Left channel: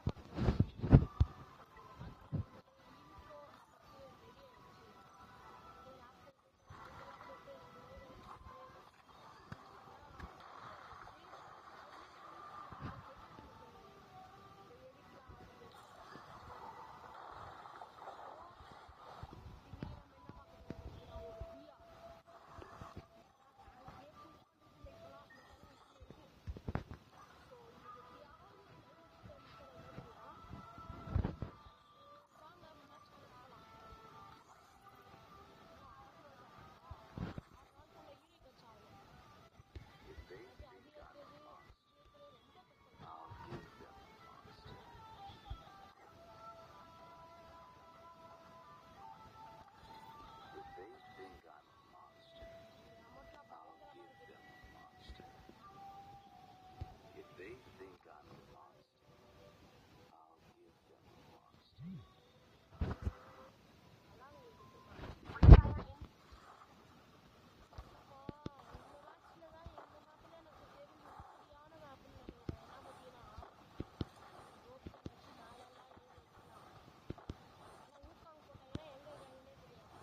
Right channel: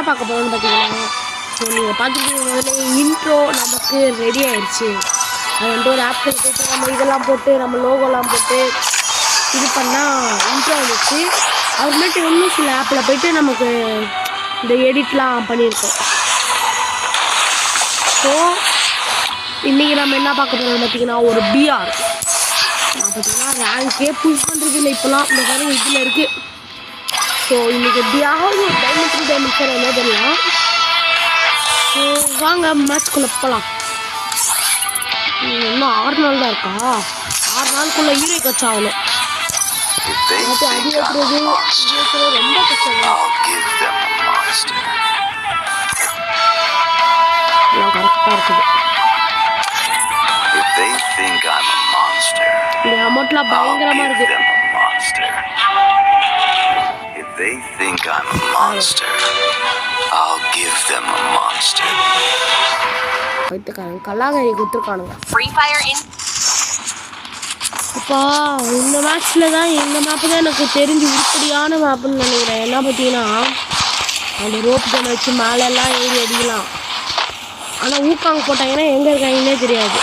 என்ன பார்க்க போகிறோம்னு பார்த்தீங்கன்னா, ஸோ நீங்கள் பார்த்துக்கிட்டீங்க முதல்ல இன்ட்ரோ நமக்கு ரெடி ஆயிடுச்சு. அது வந்து ஒரு ஆப்பில் போய்ட்டு நம்ம இதெல்லாம் போட்டு நம்ம லோகோலாம் போட்டு இது பண்ணால் இன்ட்ரோ வந்துச்சு. அப்புறமேட்டு இன்னும் சில ஆப்பில் போய்ட்டு நமக்கு இந்த எடிட்லாம் பண்ணியிருக்கோம். ஸோ இன்றைக்கி நம்ம என்ன பார்க்க போகிறோம்னு பார்த்தீங்கன்னா, ஒரு பிஆர் நான் பார்த்தீங்கன்னா ரேங்கே புஷ் பண்ணுறது இல்லை இப்போலாம். இந்த மாதிரி இதில் இருக்குது. ஸோ இன்றைக்கி எப்படியாவது ஒரு டைமண்ட் சார் என்ன பண்ணலாம். ஸோ வாங்க மேட்ச்குள்ளே போகலாம். இன்னும் 6 நாள் தான் இருக்கா? 6 நாளுக்குள்ளே ஹீரோ கட்சி ஆகணும். அது ஏற்றுறது ரொம்ப கஷ்டம். கரெக்டாக இருக்குது. இந்த அமௌண்ட்லாம் பயங்கரமாக இருக்குது. They think I'm a monster. I'll give them a monster. வைத்துக்காரங்க கல்லாகரி குத்துருக்கானுங்க. Free Fire in. அப்பா இந்த மேட்ச்சில் தான் இந்த மேப்பு தான் எனக்கு தெரிஞ்சு உருப்படியான மேப்புன்னு நினைக்கிறேன். என்ன பார்த்தீங்கன்னா அந்த ரோப் கன் வச்சு மேலெல்லாம் ஏறி அடிக்கலாம். ஆனால் ஊக்காங்க போட்டாங்கன்னா எங்கே இருக்காங்கன்னே தெரியாது.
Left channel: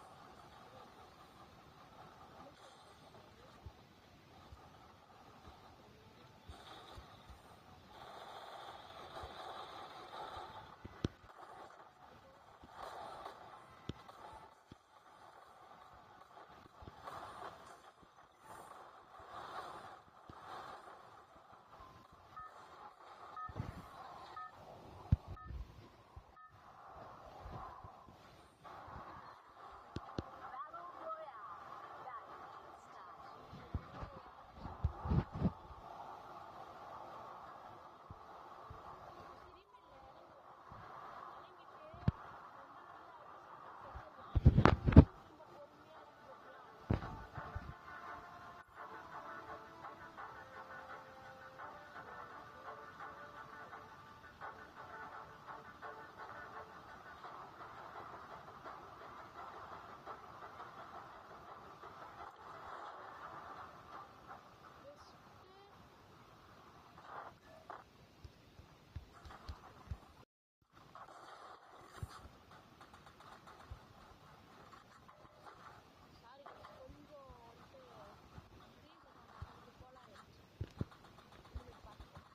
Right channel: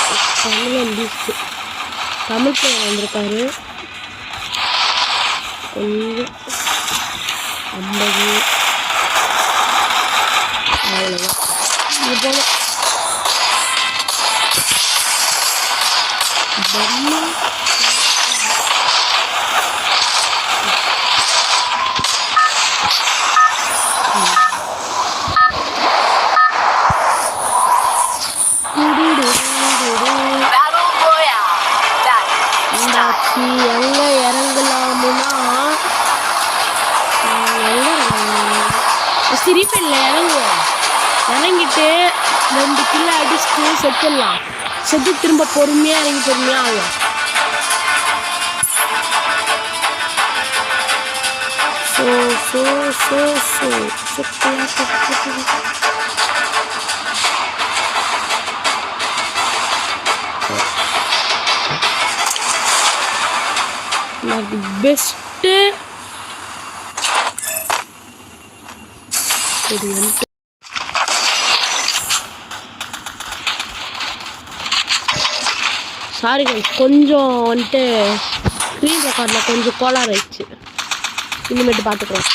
தமிழ் பேர் வந்திருக்காரு. கொஞ்சம் 50 அவ்வளோதான். இது போல எங்கே இறங்கலாமுன்னா சிரிப்பில்ல இறங்குவோம். இறங்கிட்டு 2 கிலோ அடிச்சுட்டு செத்துடலாம். செத்து திரும்ப பொறுமையாக இறங்கி பொறுமையாக ஆகும். பெஸ்ட்டு சாரி கொஞ்சம் வந்துட்டு ஸ்க்ரீன் ரெக்கார்டில் கொஞ்சம் கோளாறு ஆயிடுச்சு. இனிமேட்டு பார்த்துக்கலாம்.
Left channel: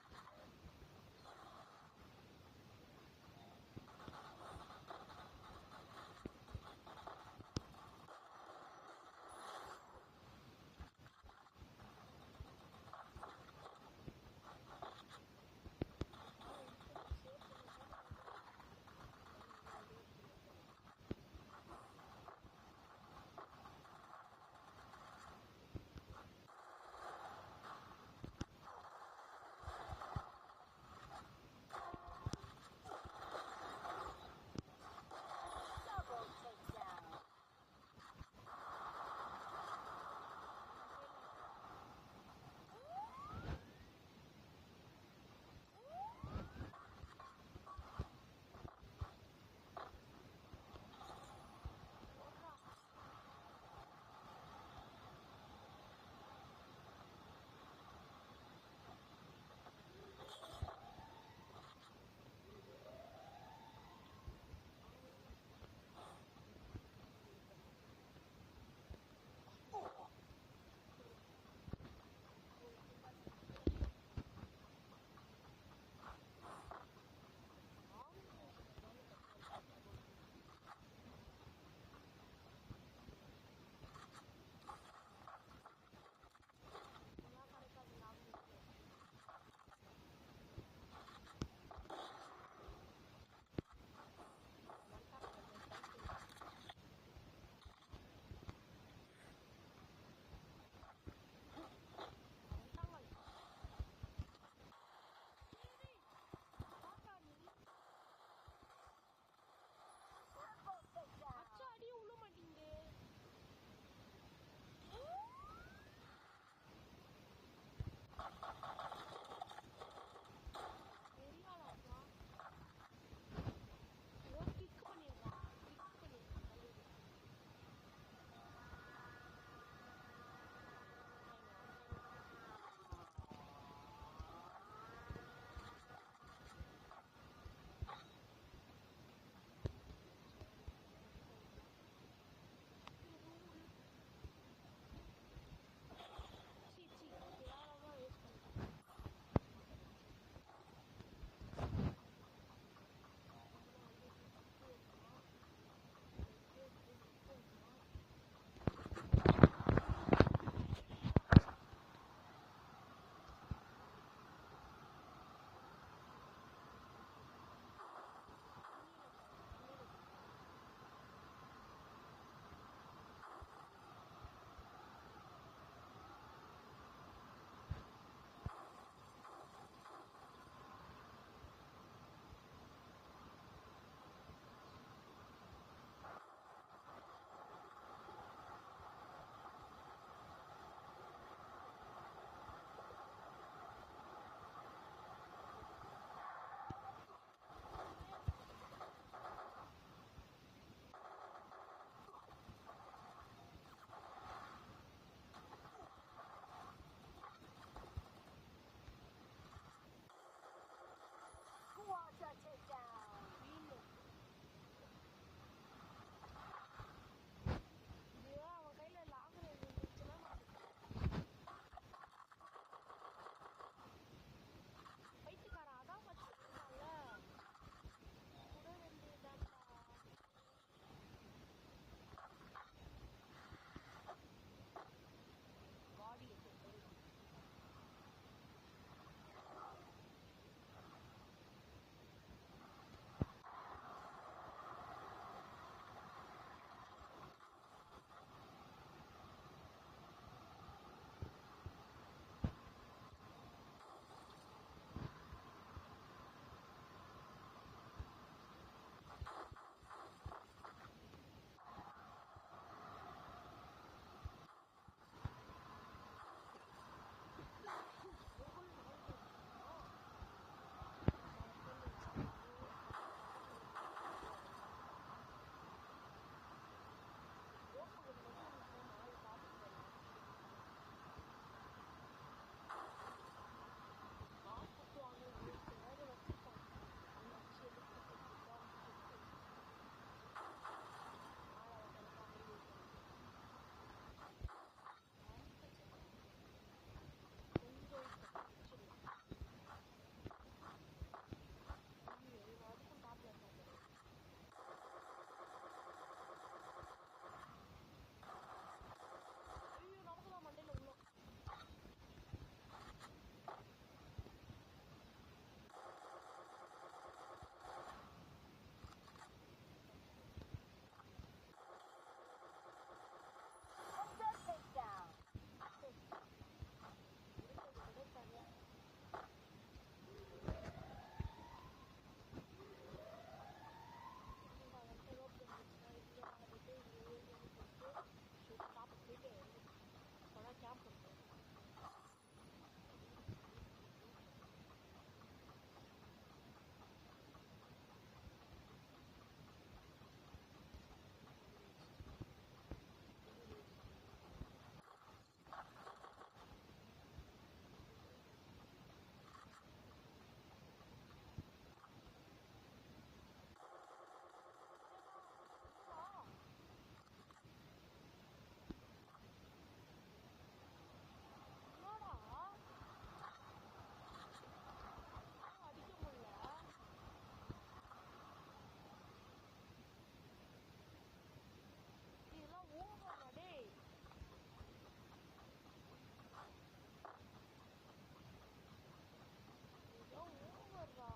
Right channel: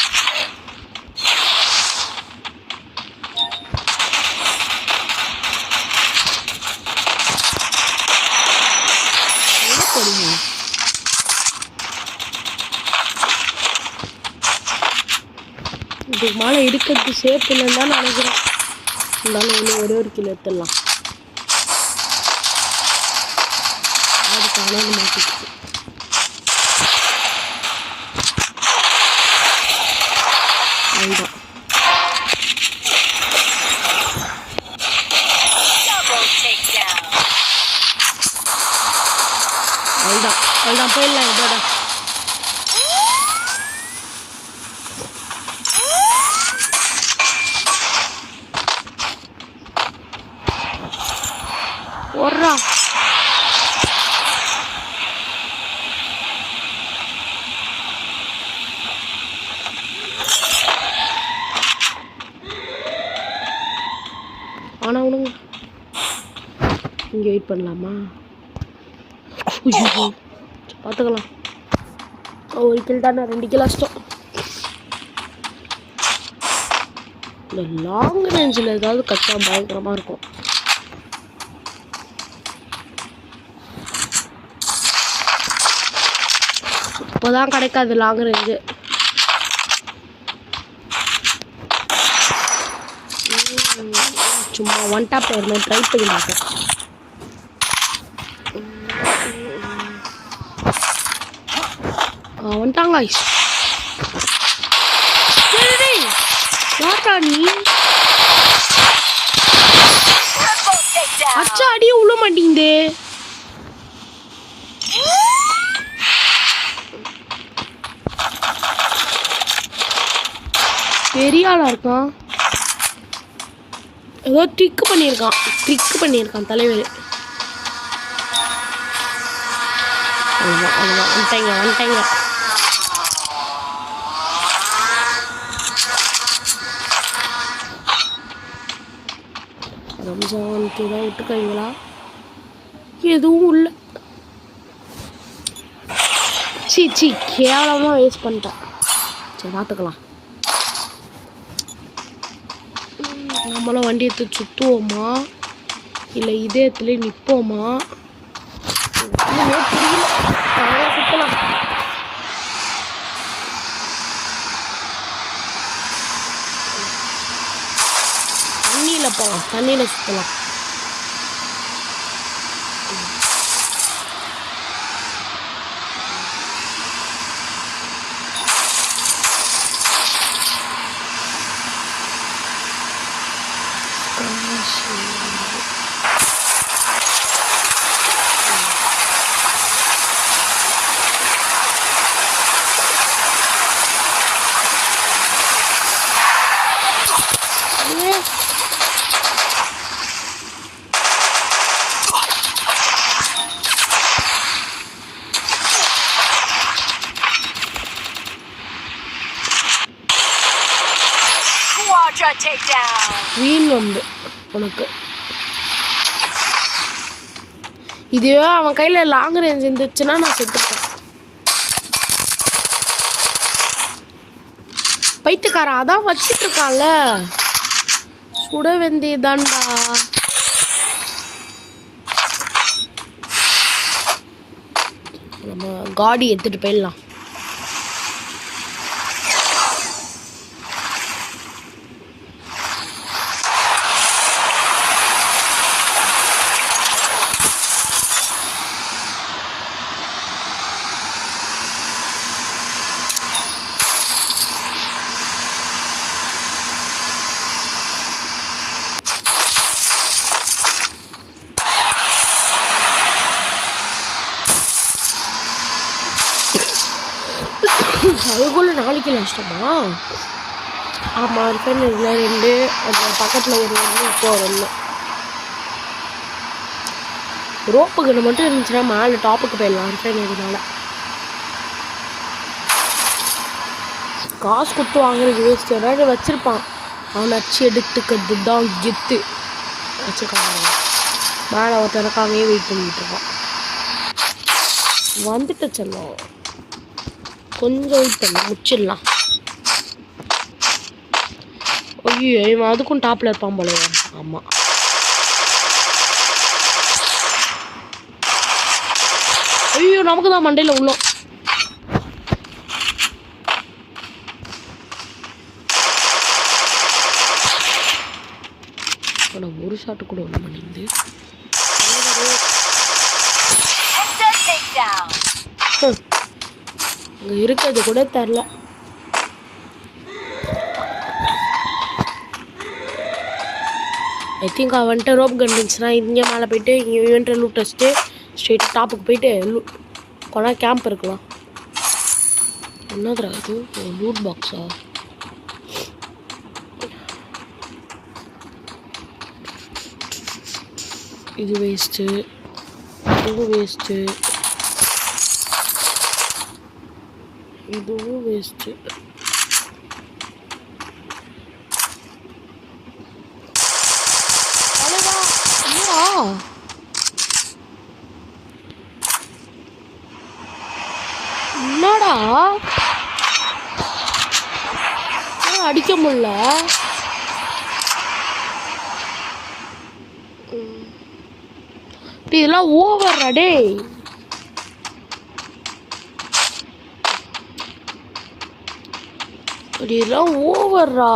இதுக்கு மேலே இருக்கிறது சேஃப் இல்லைன்னு தான் நினைக்கிறேன். இருந்தாலும் ஒன்று ஒரே ஒரு கிலோ எடுத்துடலாம். அதுக்கான மாட்டிக்கிட்டு அதுதான் அதுதான் அதுதான் போயிடலாம். இதோட ஒர்றா ஆனால் உனங்க இங்கே வெயிட் பண்ணலாமா? பார்த்துக்கலாம். ஒரு கில் தானே, 2 கிலோ கஷ்டம். இந்த லாங் ரேஞ்சில் ஏதாவது கச்சா பயங்கரமாக இருக்கும். இப்போதான் கிடைக்காது லாங் ரேஞ்சு. சும்மா ஒன் டாப் ஒரு ட்ரை பண்ணி பார்த்தேன். வந்துட்டாங்க யாரா நீ? அச்சா அடியே உள்ள மாட்டேங்குது. பெரிய ஆளா இருக்கான். ஏதோ ட்ரிக் பண்ணியிருக்கான் தலைவர். வந்துட்டாங்க. ரம்ஜானுக்கு தான் விட்டுருக்காங்களா? எதுவும் இல்லை. சீ கேவலமாக வேஸ்ட் பண்ணிட்டேன். சரி பார்த்துக்கலாம். நம்மளும் வண்டி எடுத்து சுற்றுவோமா இல்லை இதே இடத்துல நிற்போமா? சுற்றலாம். தண்ணியில் போகலாம், தண்ணியில் சுற்றலாம். வீண் வந்து உனக்கு இதுவே அவன் கையில் லாங் ரேஞ்ச் இருந்துச்சுன்னா நான் செத்துப்பேன். பைத்துக்காரன் அதான் வச்சுட்டு இருக்கான்ல, சுட வேண்டியதான்டா. நம்ம காடி எடுத்துட்டு போயிடலாம். அதுக்குள்ள நாளைக்கு நஷ்டமா? ஆமாம், ரிஃபைன் இதில் 2, அது பக்கத்தில் ஒரு இப்போ ஒன்று. ரோப்பு கன்று மட்டும் இருந்துச்சுன்னா மேலே டாப்புக்கு போயிடலாம். ரிஃபைன் இதனால காசு கொடுத்து வாங்குறது வேஸ்ட். ஏதாவது வச்சுருப்பான், அவனை அச்சு எடுத்துக்கிறது தான் கெத்து. வச்சுருக்காங்க மேலே ஒருத்தனக்காகவே வெயிட் பண்ணிகிட்டு இருப்பான். வந்துட்டு செல்லும், கொஞ்சம் வெயிட் பண்ண முடிச்சிடலாம். ஐயோ இவன் அதுக்கும் டாப்பில் இருப்பான் போல. ஆமாம், ஐயோ நமக்கு தான் மண்டையில் உள்ளோம். ஒரு ஷாட்டு கூட ஒன்று பண்ணிருந்து அங்கே இருக்கிறது கூட தெரில. ஐ திங்க் அவன்கிட்ட ரோப் கன் இருந்துச்சுன்னா இங்கே மேலே போயிட்டு இங்கே இவன்ட்டு லூட் வச்சுட்டு ஸ்ட்ரெயிட் டாப்புக்கு போயிட்டு கொண்டா கேம்ப் இருக்கலாம். என்னதுரா இது? லூட் பாக்ஸா? இது வேஸ்ட்டு, இதுவும் வேஸ்ட்டு, இதுவும் வேஸ்ட்டு. என்னடா அடிக்க முடியல? இதெல்லாம் ஓவர்ரா டேய். இதெல்லாம் ஓவர்ரா.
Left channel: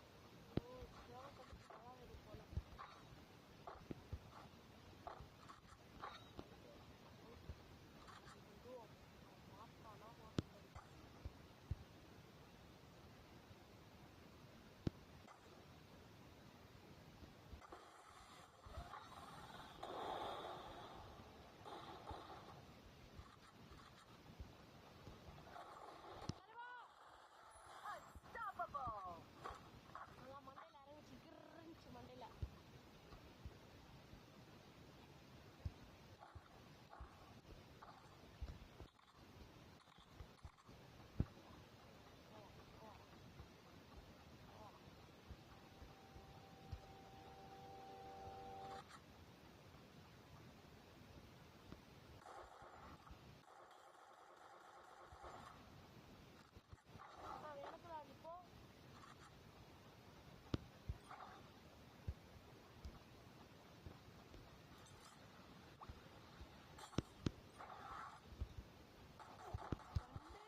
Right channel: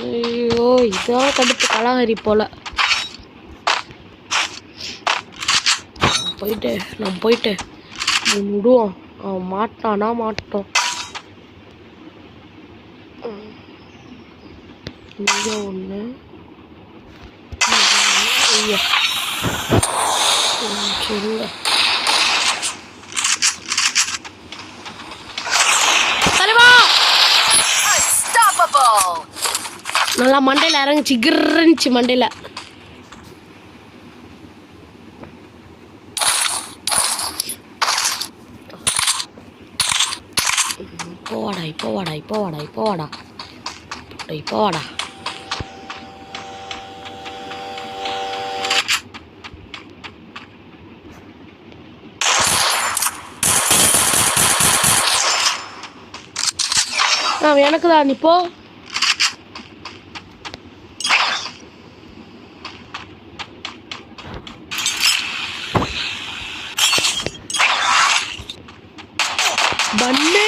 ஐயோ இதான் கடுப்பு கலாகரி போல. நம்ம போயிட்டு விடுவோம். அவன் மாட்டானா மாட்டோம். இங்கே ஒன்று. ஐயா சொல்லுங்க. நல்லா மண்டையில் இறங்குச்சு, கிருந்துச்சு மண்டையில். இப்போ வாடா இப்போ வாடா இப்போ வாடா இப்போ வாடா இப்போ வாடா. எனக்கு தான் இப்போ பண்ணு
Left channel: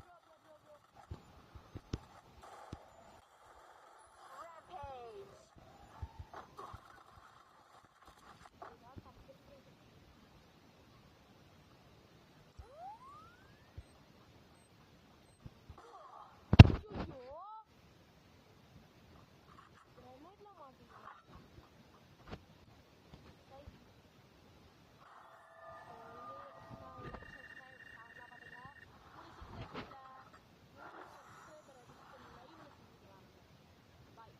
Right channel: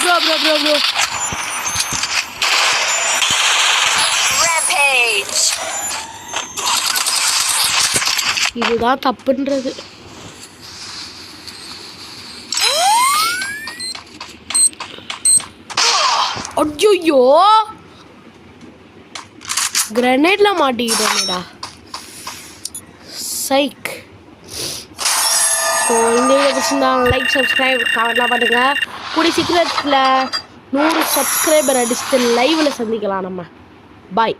ப்ரோ இதுதான் தப்புன்றது. ஐயோ கிரனேட்ல மாட்டிக்கிட்டேன்டா. சைக். ஸோ இந்த வீடியோ பிடிச்சிருந்தா லைக் சப்ஸ்கிரைப் கமெண்ட்லாம் பண்ணுங்க. கூடிய சீக்கிரத்தில் 100 சப்ஸ்கிரைபர் அடிச்சுட்டு லைவில் சந்திக்கலாம் நம்ம. பாய்.